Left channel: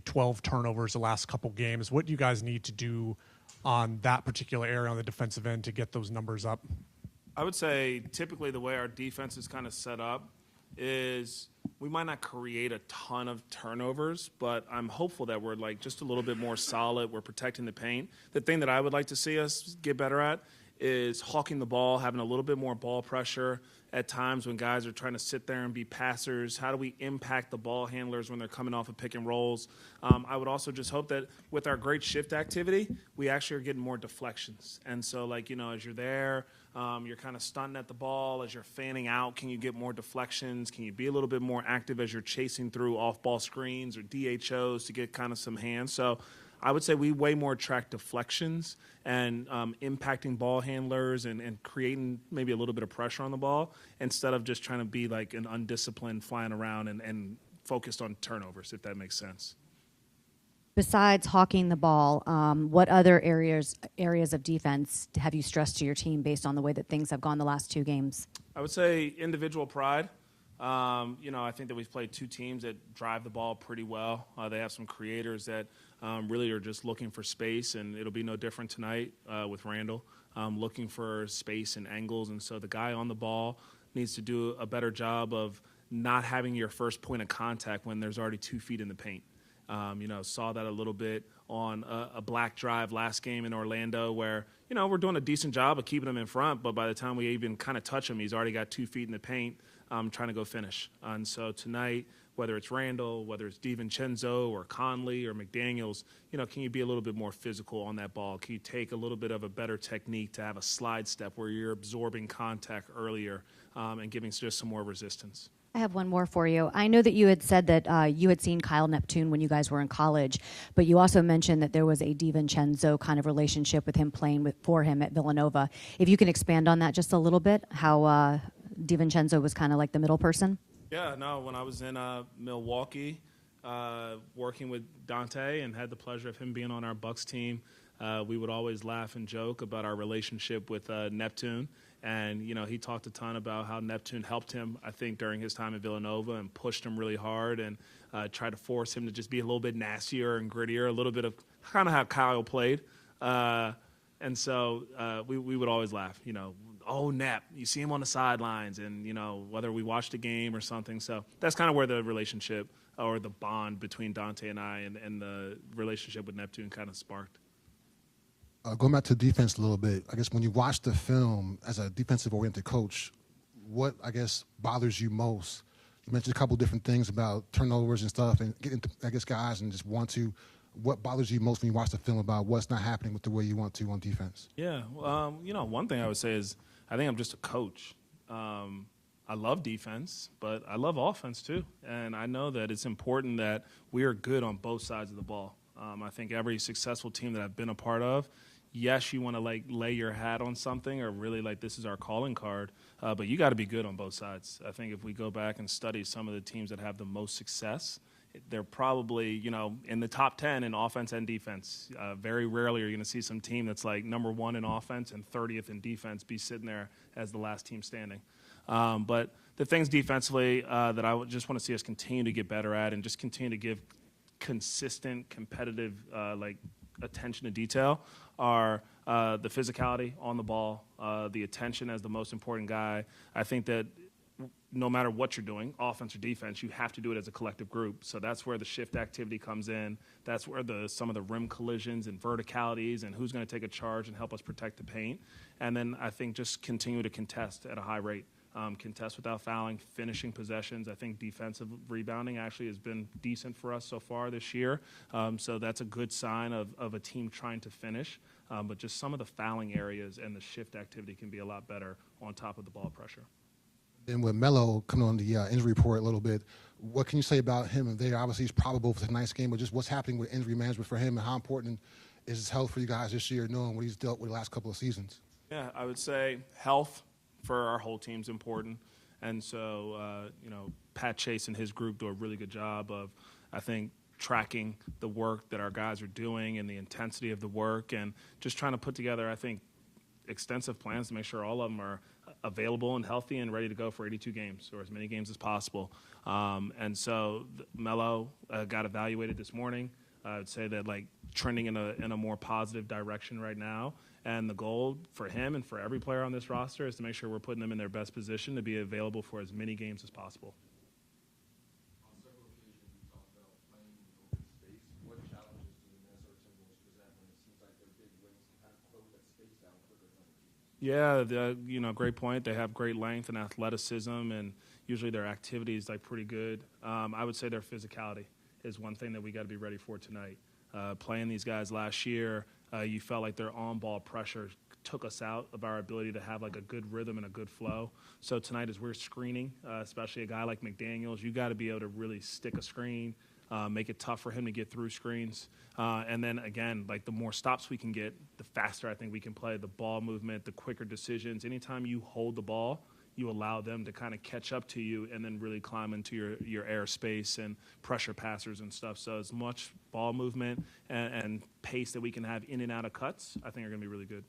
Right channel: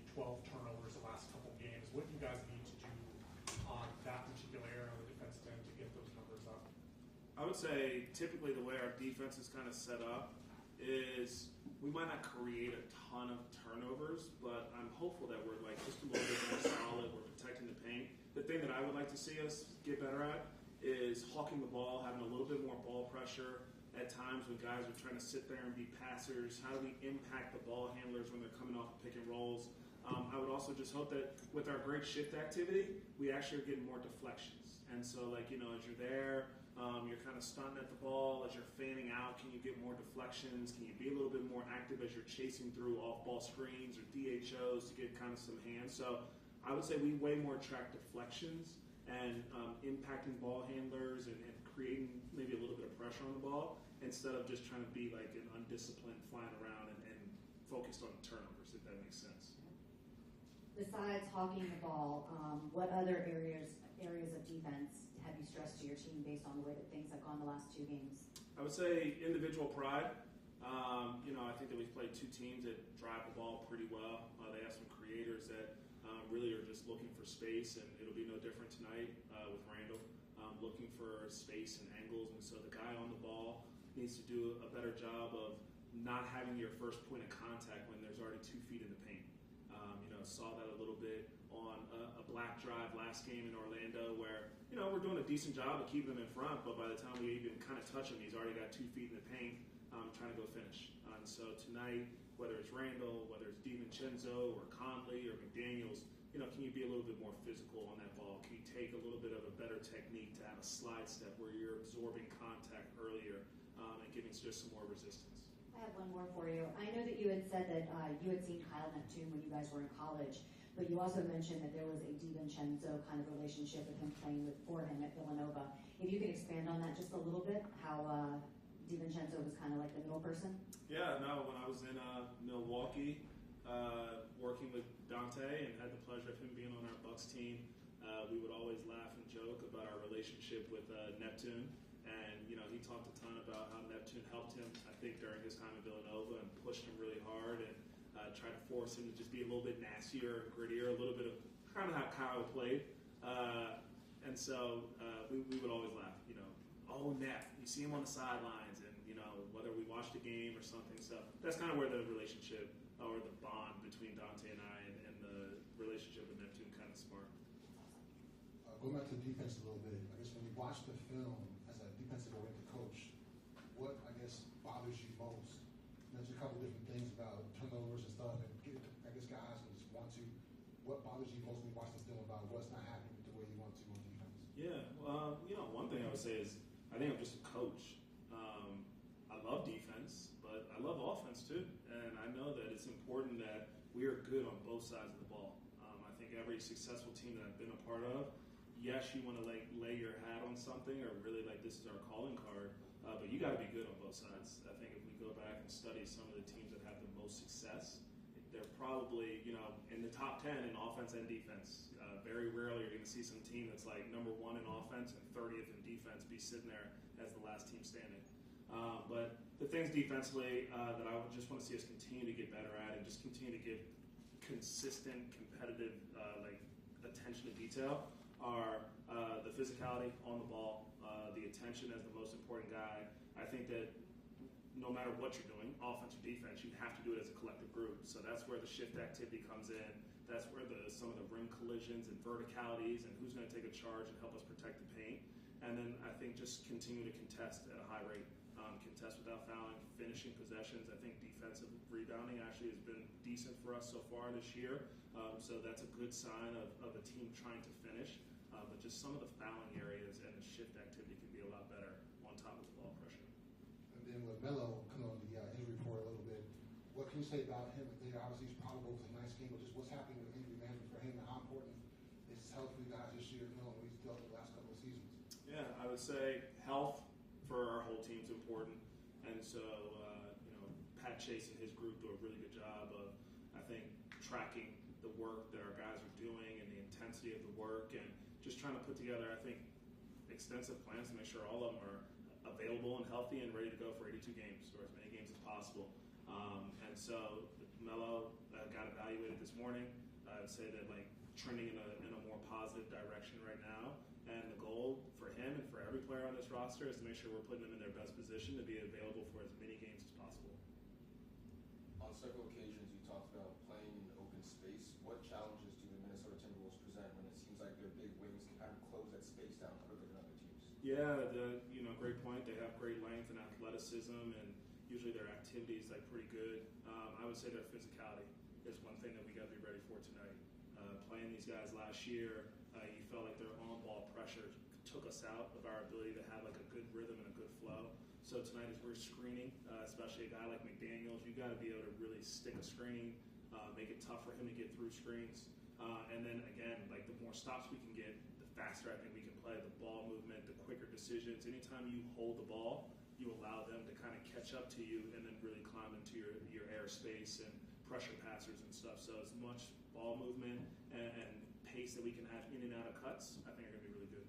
believe, 12 turnovers the last couple games. What do you guys need to do on that particular area on the defensive end to get those numbers up? I would say typically the way our defense is kind of set up is we might not create a ton of turnovers, but I'm hopeful that we're like just a little bit more solid. We're protecting the paint. The thing that I would like to see us get better at is hawking the ball, having a little bit more ball pressure at times when guys are trying to sit there and be passers. How do we impact the ball handlers when they're coming off of pick and rolls? I would also just hope that with our great shift activity, we actually are getting more deflections. And so, like, you know, as you're there, you're kind of stunting at the ball. As you're fanning out, can you get more deflections? Can you be a little bit more active as you're chasing through off-ball screens or DHOs to get kind of some hands? So I would say we way more track deflections and impacting ball handlers and creating maybe a little bit of pressure on the ball instead of just trying to be like an undisciplined flying around and focused on turnovers, if that makes sense. Besides hawking the ball, what other areas of defense have you stressed to your team based on the way that things have gone the last two games? I would say individual pride. You know, I think that we've played two teams that drive the ball pretty well. They have some creators that really are just looking for space, and it'll be no different tonight with Randall, looking for space and angles. And so the guy on the ball needs to do a better job of not having your first point of contact when there's already 2 feet in the paint. You know, saw that a little bit on a black drive last game in Orlando where, you know, we're doing a decent job of keeping him in front, but by the time we even kind of touch him, he's already got 2 feet in the paint trying to go finish. And so tonight, whether it's Randall, whether it's DiVincenzo or Conley or McDaniels, you know, can you be a little bit more physical on that ball? Can you take a little bit of a better technique to have a slide step where you're absorbing contact earlier and giving just some more resistance? I have one more for you. I know that you had said that you had seen Kyle Neptune when you guys were in college, but you also mentioned that there was a DiVincenzo kind of relationship with him playing for him at Villanova. If you can expand on that just a little bit, how DiVincenzo was kind of like the middle person? Yeah, no, when I was in Milwaukee working with Dante and had the pleasure of him being on our Bucks team, we would always laugh and joke about our relationship with Neptune. And, you know, he talked a ton about how Neptune helped him, I think, during his time at Villanova and pushed him really hard and tried to force him to just be a little bit nastier and grittier, a little bit of kind of how Kyle played. And so we would always laugh, you know, oh, Nep, you see him on the sidelines and, you know, whether we watched a game or something. So that's kind of where the relationship or the bond between Dante and I and the relationship with Neptune kind of sparked. Going back to defense a little bit, I guess when you watch the film as a defensive-oriented coach, what, I guess, bothers you most? You mentioned a couple different things about turnovers and stuff and getting, I guess, guys and just what bothers you most when you watch the film about what's not happening with the way you want to on defense? Yeah, you know, one thing I would say is I think I'm just a coach. I love defense, but I love offense too. And I know that it's important that we are good on both sides of the ball. I think every successful team that I've been a part of, yes, you want to like lay your hat on something or really like this is our calling card, but you got to be good on both sides. I think if we go back and study some of the teams that have the most success, they're probably, you know, in the top 10 in offense and defense. Very rarely are you going to see some team that's like number 1 in offense and 30th in defense be sitting there as the last team standing. But the things defensively that I just want to see us continue to get better at and just continue to give consistent, competitive, like attention to detail are the physicality on the ball, the attention as the most important guy. I think that no matter what you're doing, offense or defense, you have to do it as a collective group. So that's where the shift activity comes in. That's where some of the rim collisions and verticalities and who's going to take a charge and help us protect the paint. And then I think just continue to contest at a high rate. Contest without fouling, finishing possessions. I think defensive rebounding actually has been decent for us so far this year. So that's a good sign of a team trying to finish. But just some of the fouling areas and the shift activity can be a lot better on top of the ball pressure. Then with Melo coming on the injury report a little bit, what can you say about him there? Obviously, he's probable for tonight's game, but just what's happening with injury management for him and how important is his health for you guys this year, knowing what he's dealt with the last couple of seasons? Yeah, I would say health for our whole team's important. And so, you know, Pat Chase and his group do a really good job of, I think, tracking the work that our guys are doing and the intensity of the work and just trying to put together, I think, extensive plans to make sure all of them are available and healthy and ready to go for 82 games or as many games as possible. And so Melo got evaluated this morning. I'd say that like trending in a more positive direction right now. And the goal for him and for every player on this roster is to make sure we're putting them in their best position to be available for as many games as possible. On several occasions, you talked about playing in open space. What challenges do the Minnesota Timberwolves present when it seems like their big wings can kind of close that space down quicker than other teams? Yeah, great point. They have great length and athleticism, and usually their activity is like pretty good. I would say their physicality is one thing that we got to be ready for tonight. Playing these guys last year, you felt like their on-ball pressure took us out of our ability to have like a good rhythm and a good flow. So tonight, as we're screening, especially a guy like McDaniels, you got to be able to really stick a screen, make it tough for him to get through screens. And then again, like the more stops we can get, the faster I think we can play. The ball movement, the quicker decisions. Anytime you hold the ball, you allow them to kind of catch up to you and then really climb into your airspace and pressure passers and stuff. So as much ball movement and pace that we can have in and out of cuts, I think are going to be really good.